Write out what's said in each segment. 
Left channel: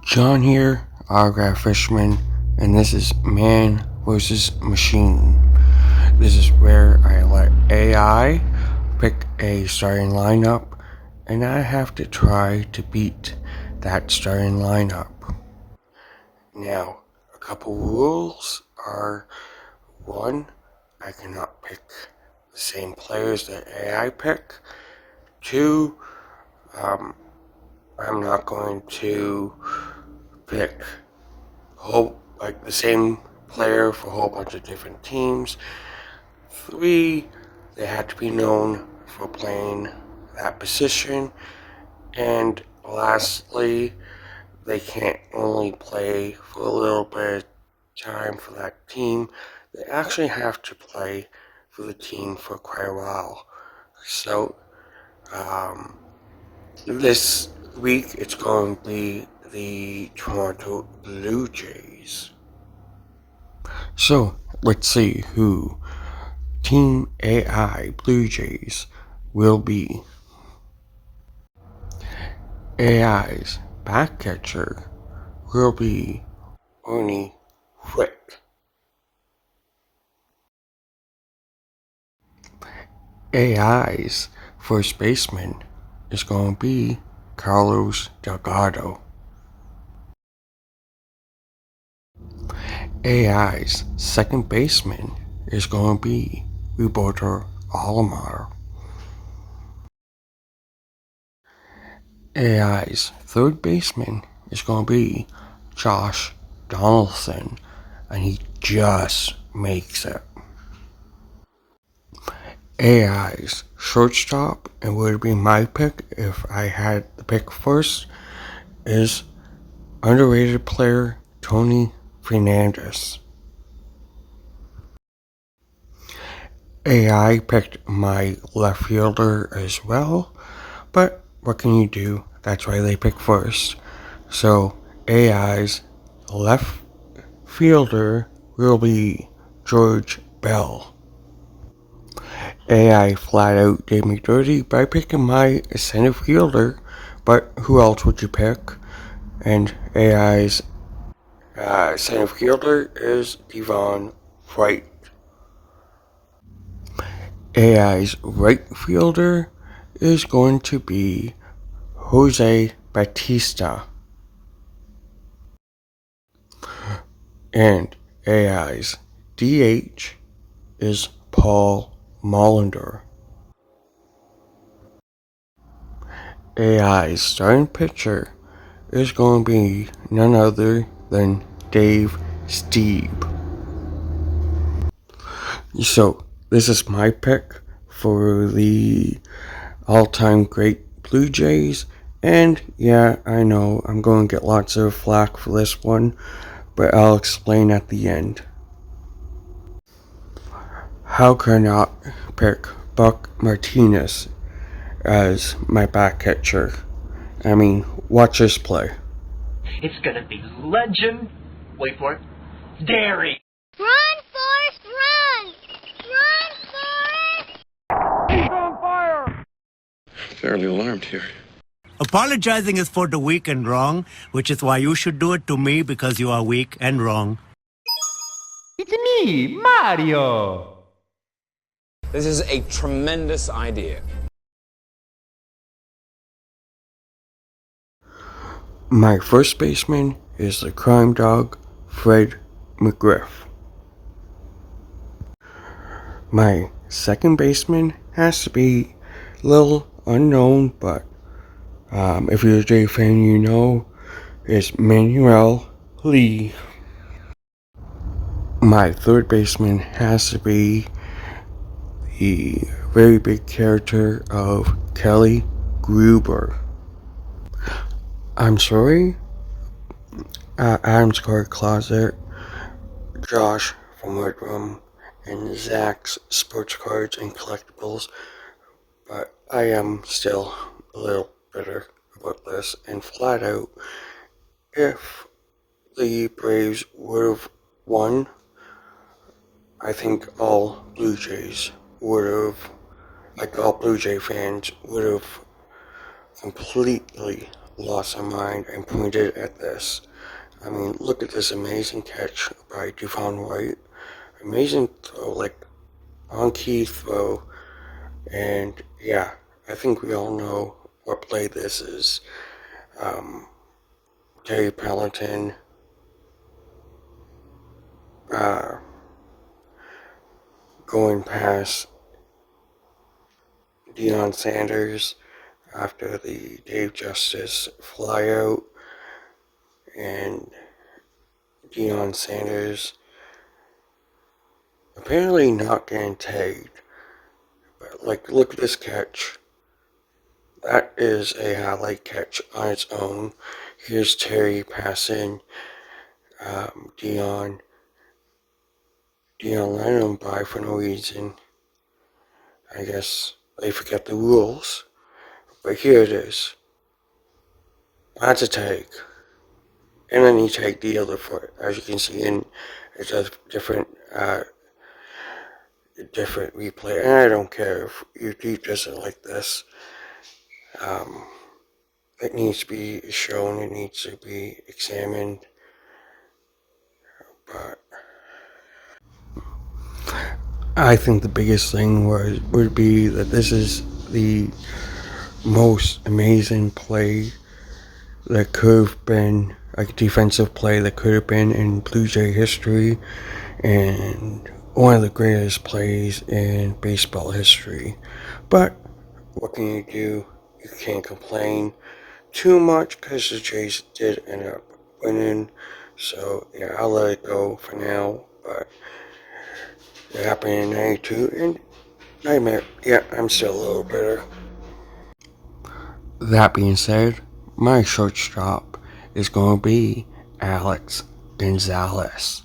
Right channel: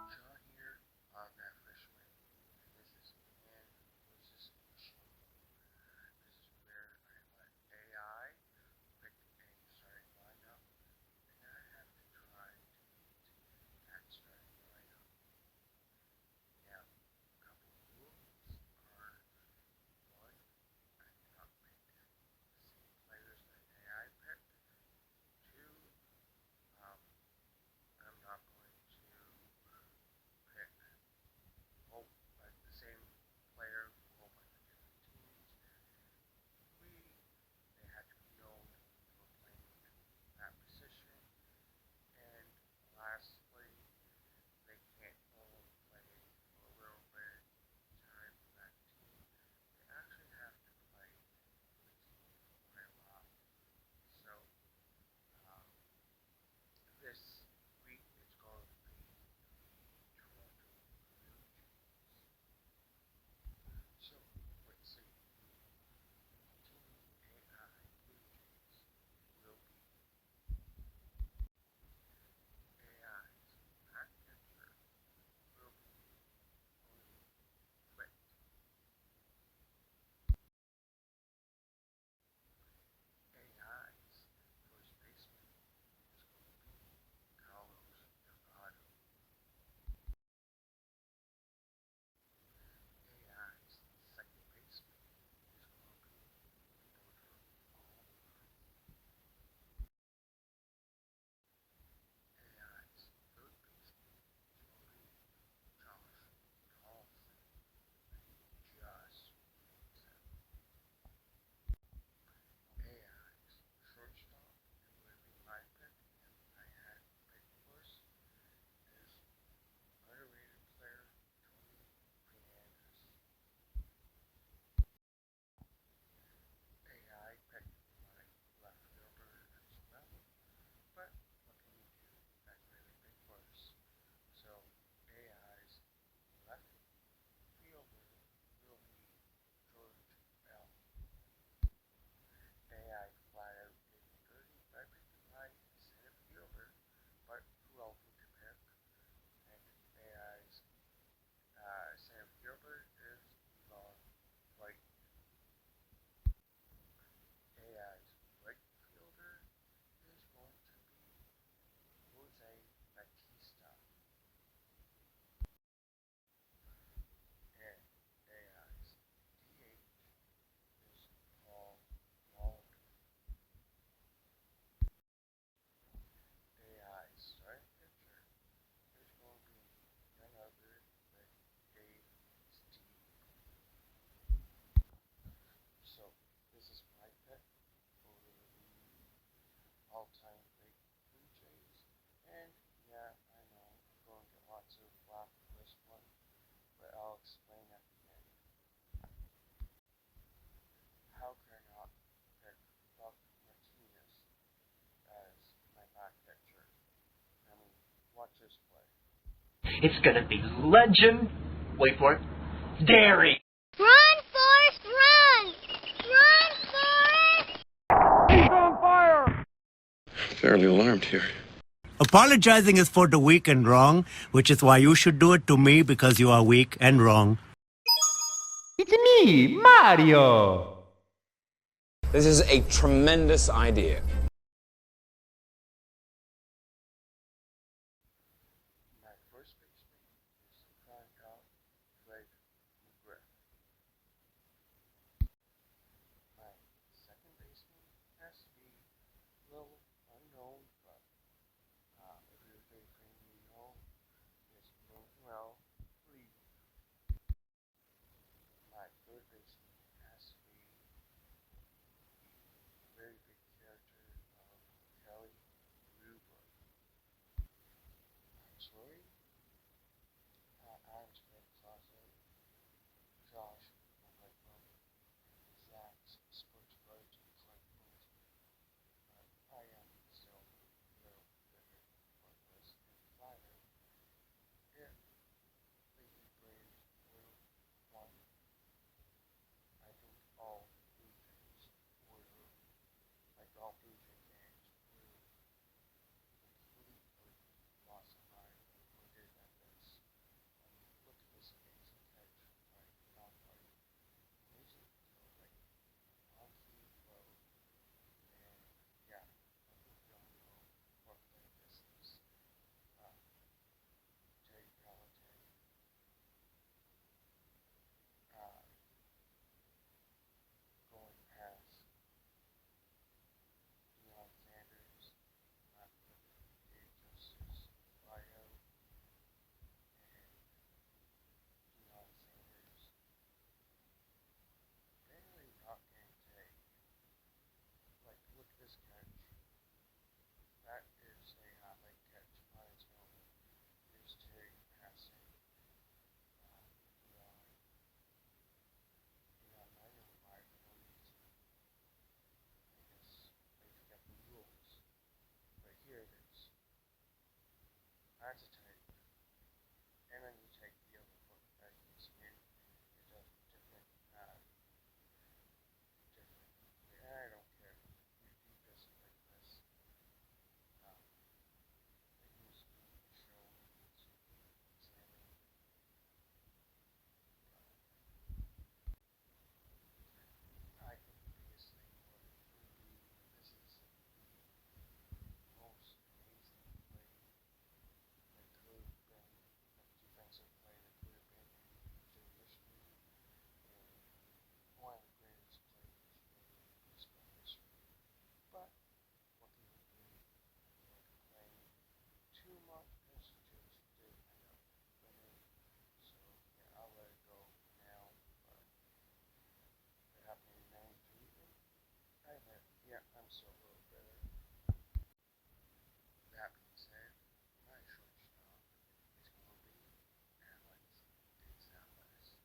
John here, autograph fisherman, and this is Man vs. Machine. This is where I let AI pick a starting lineup, and I have to try to beat that starting lineup. Now, a couple rules are: one, I cannot pick the same players that AI pick. Two, I'm not going to pick the same player for a whole bunch of different teams. Three, they have to be known for playing that position. And lastly, they can't only play for a little bit of time for that team. They actually have to play for the team for quite a while. So, this week it's going to be the Toronto Blue Jays. So, let's see who Team AI Blue Jays will be. AI's back catcher will be Ernie Whitt. AI's first baseman is going to be Delgado. AI's second baseman is going to be Roberto Alomar. AI's third baseman is going to be Donaldson, and he just makes it. AI's shortstop, and would be my pick if I had the pick first, is underrated player Fernandez. AI picked my left fielder as well, but what can you do? That's why they pick first. So AI's left fielder will be George Bell. AI flat out did me dirty by picking my center fielder, but who else would you pick? And AI's center fielder is Devon right. AI's right fielder is going to be Jose Bautista. And AI's DH is Paul Molitor. AI's starting pitcher is going to be none other than Dave Stieb. So, this is my pick for the all-time great Blue Jays. And yeah, I know I'm going to get lots of flack for this one, but I'll explain at the end. How could I not pick Buck Martinez as my back catcher? I mean, watch this play. It's gonna be legend. Wait for it. Dairy. Run, Forrest, run! Run, Forrest! He's on fire! Fairly alarmed here. Apologizing is for the weak and wrong, which is why you should do it to me because you are weak and wrong. It's me, Mario! This is a tremendous idea. My first baseman is the crime dog, Fred McGriff. My second baseman has to be a little unknown, but if you're a J fan, you know, is Manuel Lee. My third baseman has to be the very big character of Kelly Gruber. I'm sorry, Adam's Card Closet, Josh from Red Room, and Zach's Sports Cards and Collectibles, but I am still a little bitter about this, and flat out, if the Braves would have won, I think all Blue Jays would have, like all Blue Jay fans, would have completely lost our mind and pointed at this. I mean, look at this amazing catch by Devon Whitt. Amazing throw, like on-key throw. And yeah, I think we all know what play this is. Terry Pelleton going past Deion Sanders after the Dave Justice flyout, and Deion Sanders apparently not getting tagged. But like, look at this catch. That is a highlight catch on its own. Here's Terry passing Deion. Deion letting him by for no reason. I guess they forget the rules. But here it is. That's a tag. And then he tagged the other foot. As you can see, and it's a different replay. And I don't care if YouTube doesn't like this. It needs to be shown. It needs to be examined. But I think the biggest thing would be that this is the most amazing play that could have been, like a defensive play that could have been in Blue Jay history, and one of the greatest plays in baseball history. But what can you do? You can't complain too much because the Jays did end up winning. So yeah, I'll let it go for now. But it happened in 92, and nightmare. Yeah, I'm still a little bitter. That being said, my shortstop is going to be Alex Gonzalez.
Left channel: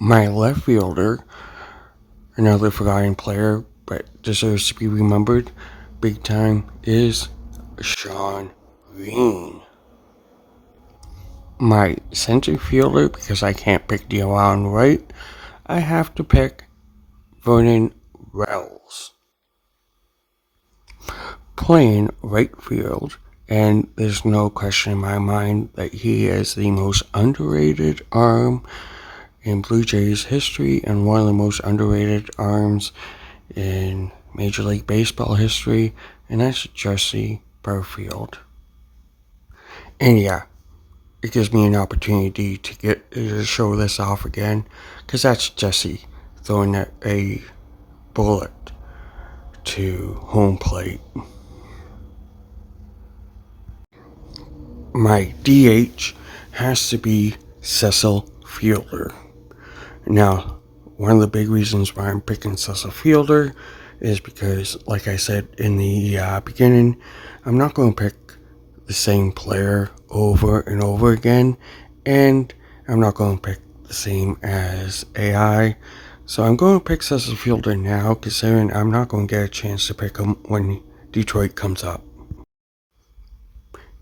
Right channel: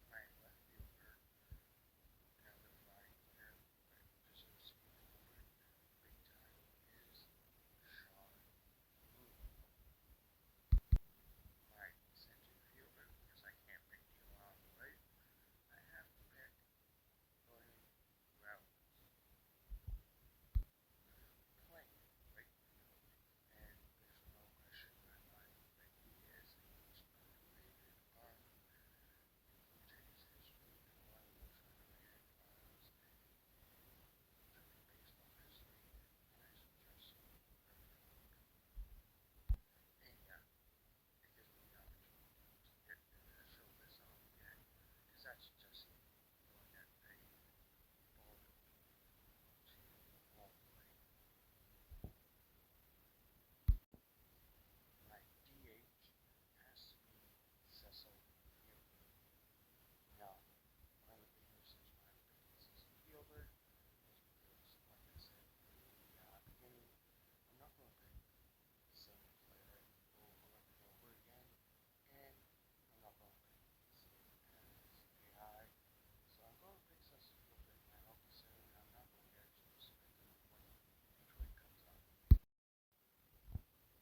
My left fielder, another forgotten player but deserves to be remembered big time, is Shawn. My center fielder, because I can't pick the around right, I have to pick Vernon. Playing right field, and there's no question in my mind that he is the most underrated arm in Blue Jays history and one of the most underrated arms in Major League Baseball history, and that's Jesse Barfield. And yeah, it gives me an opportunity to show this off again, because that's Jesse throwing a bullet to home plate. My DH has to be Cecil Fielder. Now, one of the big reasons why I'm picking Cecil Fielder is because, like I said in the beginning, I'm not going to pick the same player over and over again, and I'm not going to pick the same as AI. So I'm going to pick Cecil Fielder now, considering I'm not going to get a chance to pick him when Detroit comes up.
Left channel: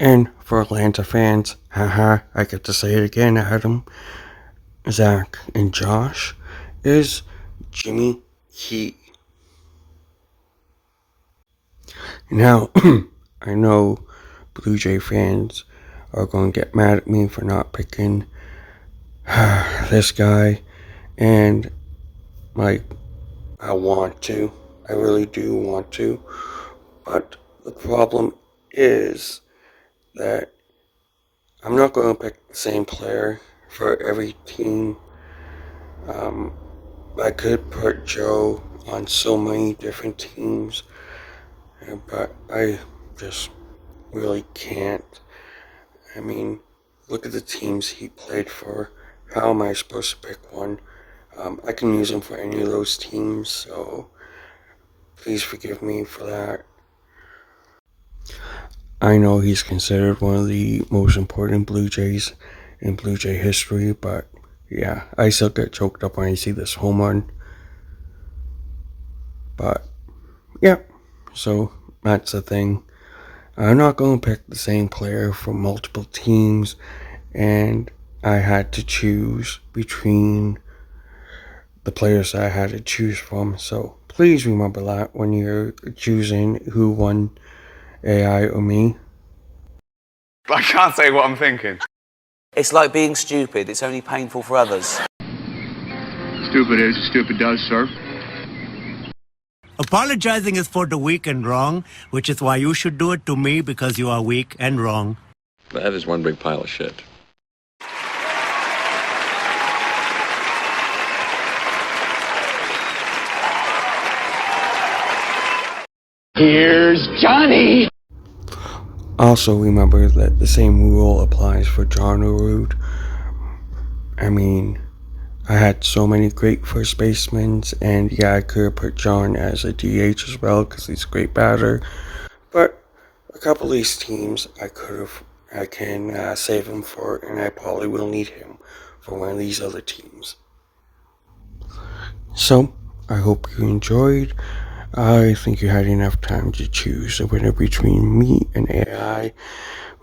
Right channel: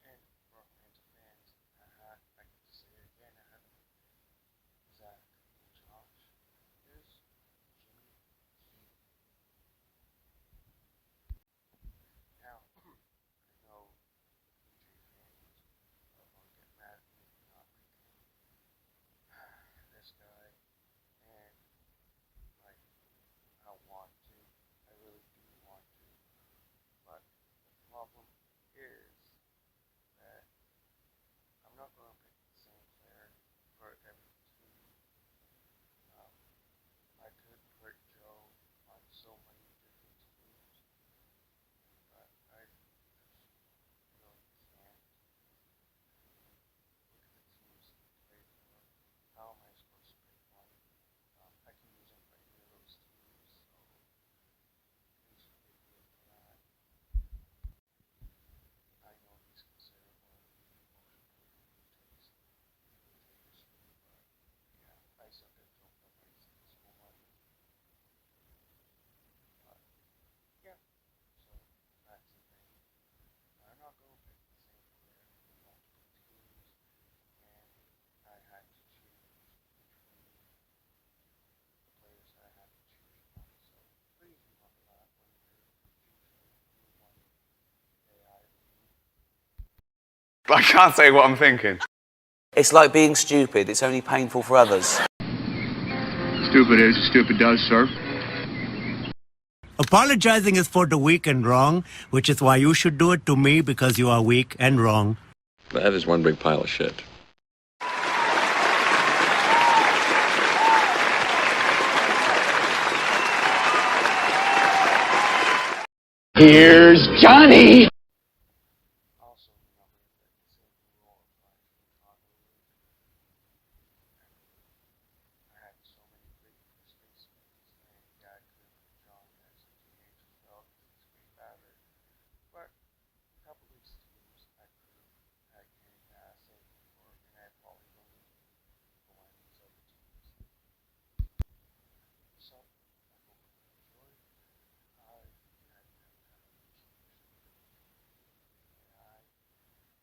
And for Atlanta fans, haha, I get to say it again, Adam, Zach, and Josh, is Jimmy Key. Now, I know Blue Jay fans are going to get mad at me for not picking this guy, and like, I want to. I really do want to. But the problem is that I'm not going to pick the same player for every team. I could put Joe on so many different teams, but I just really can't. I mean, look at the teams he played for. How am I supposed to pick one? I can use him for any of those teams, so please forgive me for that. I know he's considered one of the most important Blue Jays in Blue Jay history, but yeah, I still get choked up when I see this home run. But yeah, so that's the thing. I'm not going to pick the same player from multiple teams, and I had to choose between the players that I had to choose from. So please remember that when you're choosing who won AI or me. But I can't say what I'm thinking. It's like being stupid. It's only painful for others. Stupid is, stupid does, sir. Apologizing is for the weak and wrong, which is why you should do it to me because you are weak and wrong. That is one big pile of shit. Here's Johnny! Also, remember that the same rule applies for Jon Burgess. I mean, I had so many great first basemen, and yeah, I could have put Jon as a DH as well because he's a great batter. But a couple of these teams, I can save him for, and I probably will need him for one of these other teams. So, I hope you enjoyed. I think you had enough time to choose a winner between me and AI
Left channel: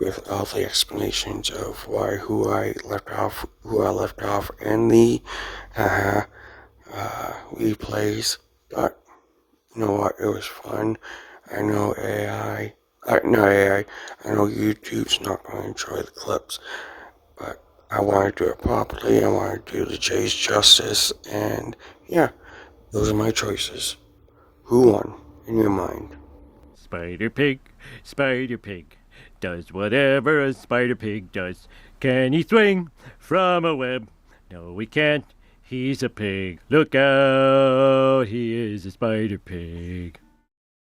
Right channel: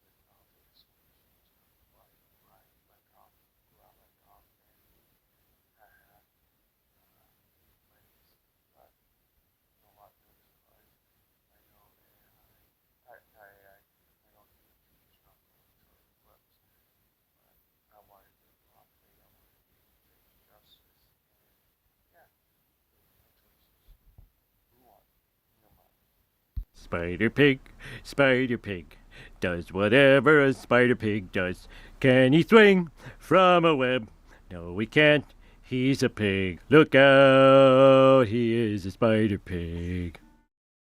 with all the explanations of who I left off, and the replays. But you know what? It was fun. I know I know YouTube's not going to enjoy the clips, but I want to do it properly. I want to do the Jays justice, and yeah, those are my choices. Who won, in your mind? Spider Pig, does whatever a Spider Pig does. Can he swing from a web? No, he can't. He's a pig. Look out, he is a Spider Pig.